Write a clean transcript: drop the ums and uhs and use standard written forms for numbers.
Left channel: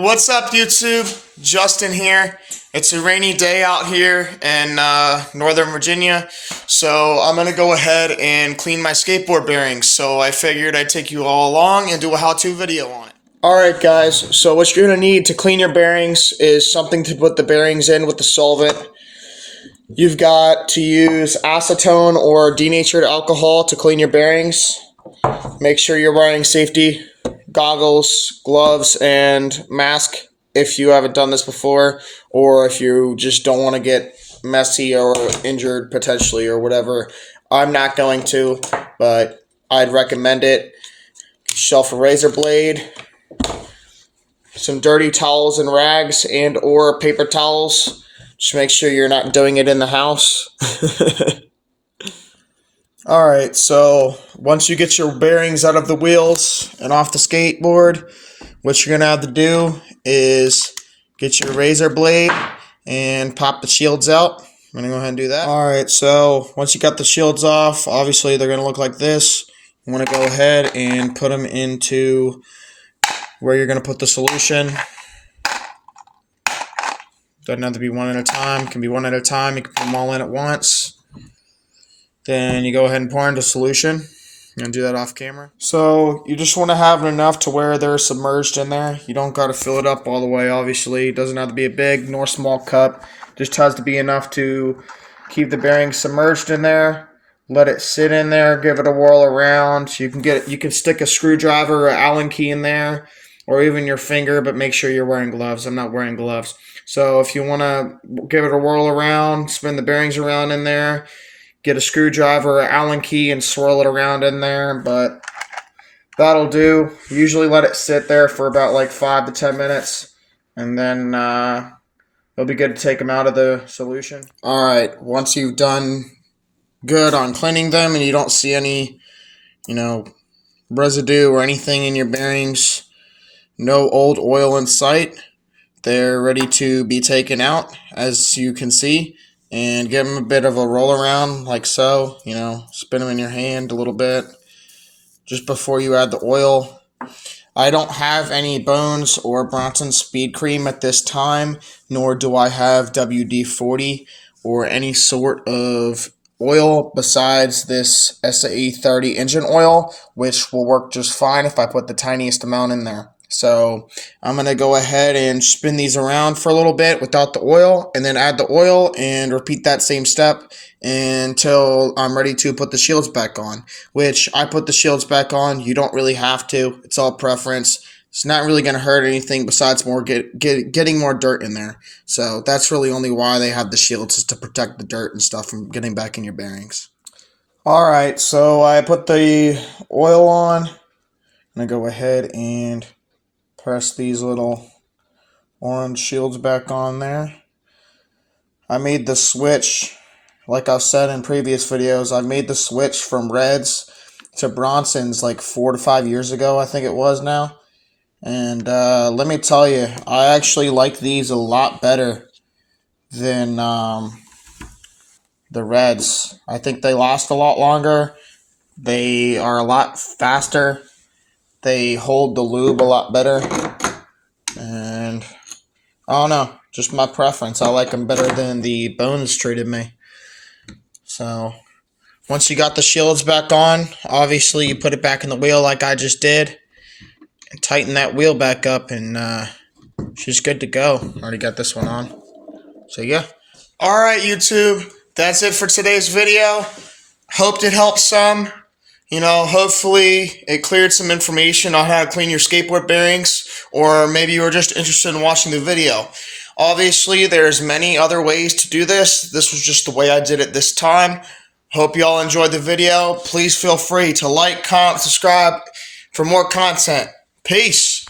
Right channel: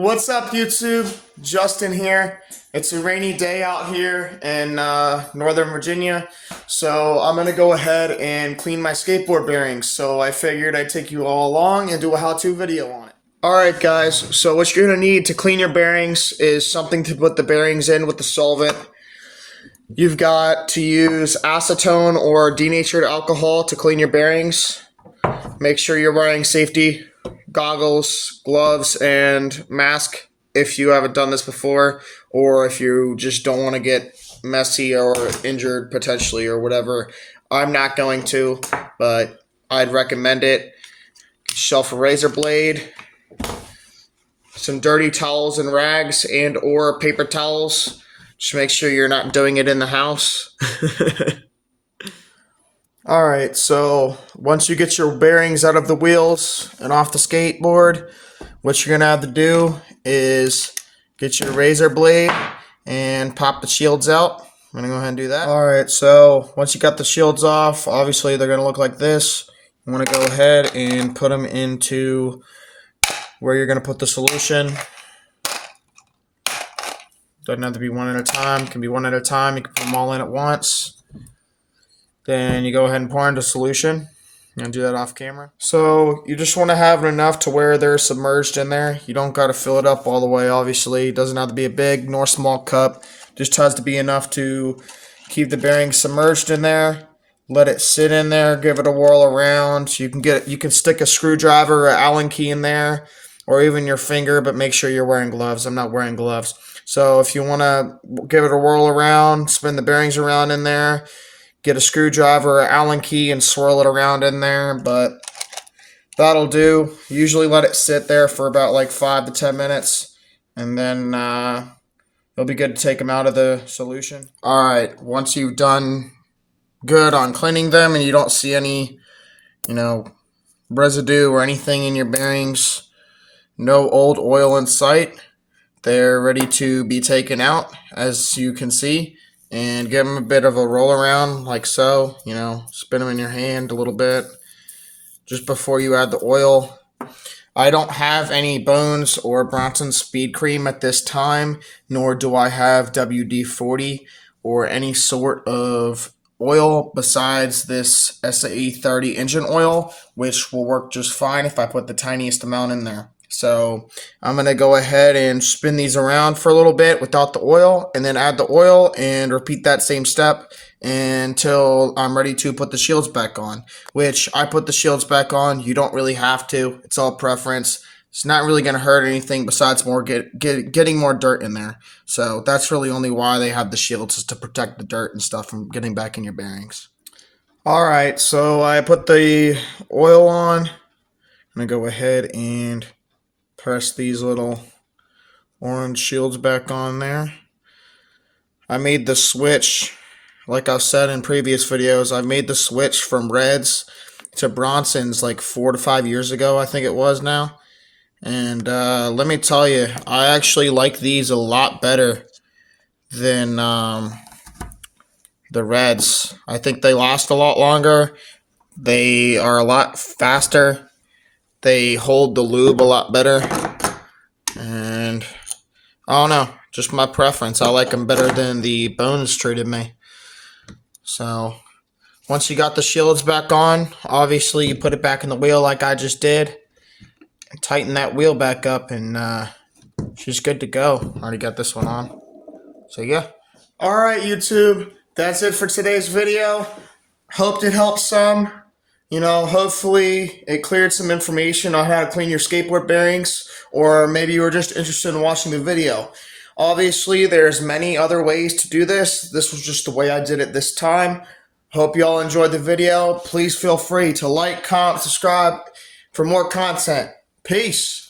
What's up, YouTube? Justin here. It's a rainy day out here in Northern Virginia, so I'm going to go ahead and clean my skateboard bearings. So I figured I'd take you all along and do a how-to video on it. Alright guys, so what you're going to need to clean your bearings is something to put the bearings in with the solvent. You've got to use acetone or denatured alcohol to clean your bearings. Make sure you're wearing safety goggles, gloves, and mask if you haven't done this before, or if you just don't want to get messy or injured potentially or whatever. I'm not going to, but I'd recommend it. Get yourself a razor blade, some dirty towels and rags, and or paper towels. Just make sure you're not doing it in the house. Alright, so once you get your bearings out of the wheels and off the skateboard, what you're going to have to do is get your razor blade and pop the shields out. I'm going to go ahead and do that. Alright, so once you got the shields off, obviously they're going to look like this. You want to go ahead and put them into where you're going to put the solution. Doesn't have to be one at a time. It can be one at a time. You can put them all in at once. Then you go ahead and pour in the solution. I'm going to do that off camera. So you just want to have it enough to where they're submerged in there. You don't got to fill it up all the way, obviously. It doesn't have to be a big nor small cup. Just has to be enough to keep the bearings submerged in there. Let it sit in there. Give it a whirl around. You can stick a screwdriver or Allen key in there, or even your finger, but make sure you're wearing gloves. I'm not wearing gloves. So if you want to give it a whirl around, spin the bearings around in there, get a screwdriver or Allen key and swirl it around in there, but that'll do. Usually let it sit there for about like 5 to 10 minutes, and then it'll be good to take them out of the solution. Alright, once you've done good on cleaning them and you don't see any, residue or anything in your bearings, no old oil in sight, they're ready to be taken out, as you can see. And give them a bit of a roll around like so, spin them in your hand a little bit just before you add the oil. I don't have any Bones or Bronson Speed Cream at this time, nor do I have WD-40 or any sort of oil besides this SAE30 engine oil, which will work just fine if I put the tiniest amount in there. So I'm going to go ahead and spin these around for a little bit without the oil, and then add the oil and repeat that same step until I'm ready to put the shields back on, which I put the shields back on. You don't really have to. It's all preference. It's not really going to hurt anything besides getting more dirt in there. So that's really only why they have the shields, is to protect the dirt and stuff from getting back in your bearings. Alright, so I put the oil on. I'm going to go ahead and press these little orange shields back on there. I made the switch, like I've said in previous videos, I made the switch from Reds to Bronsons like 4 to 5 years ago, I think it was now. And let me tell you, I actually like these a lot better than the Reds. I think they last a lot longer. They are a lot faster. They hold the lube a lot better, and I don't know, just my preference. I like them better than the Bones treated me. So once you got the shields back on, obviously you put it back in the wheel like I just did, and tighten that wheel back up, and she's good to go. Already got this one on. So yeah. Alright, YouTube, that's it for today's video. Hoped it helped some. Hopefully it cleared some information on how to clean your skateboard bearings, or maybe you were just interested in watching the video. Obviously, there's many other ways to do this. This was just the way I did it this time. Hope you all enjoyed the video. Please feel free to like, comment, subscribe for more content. Peace.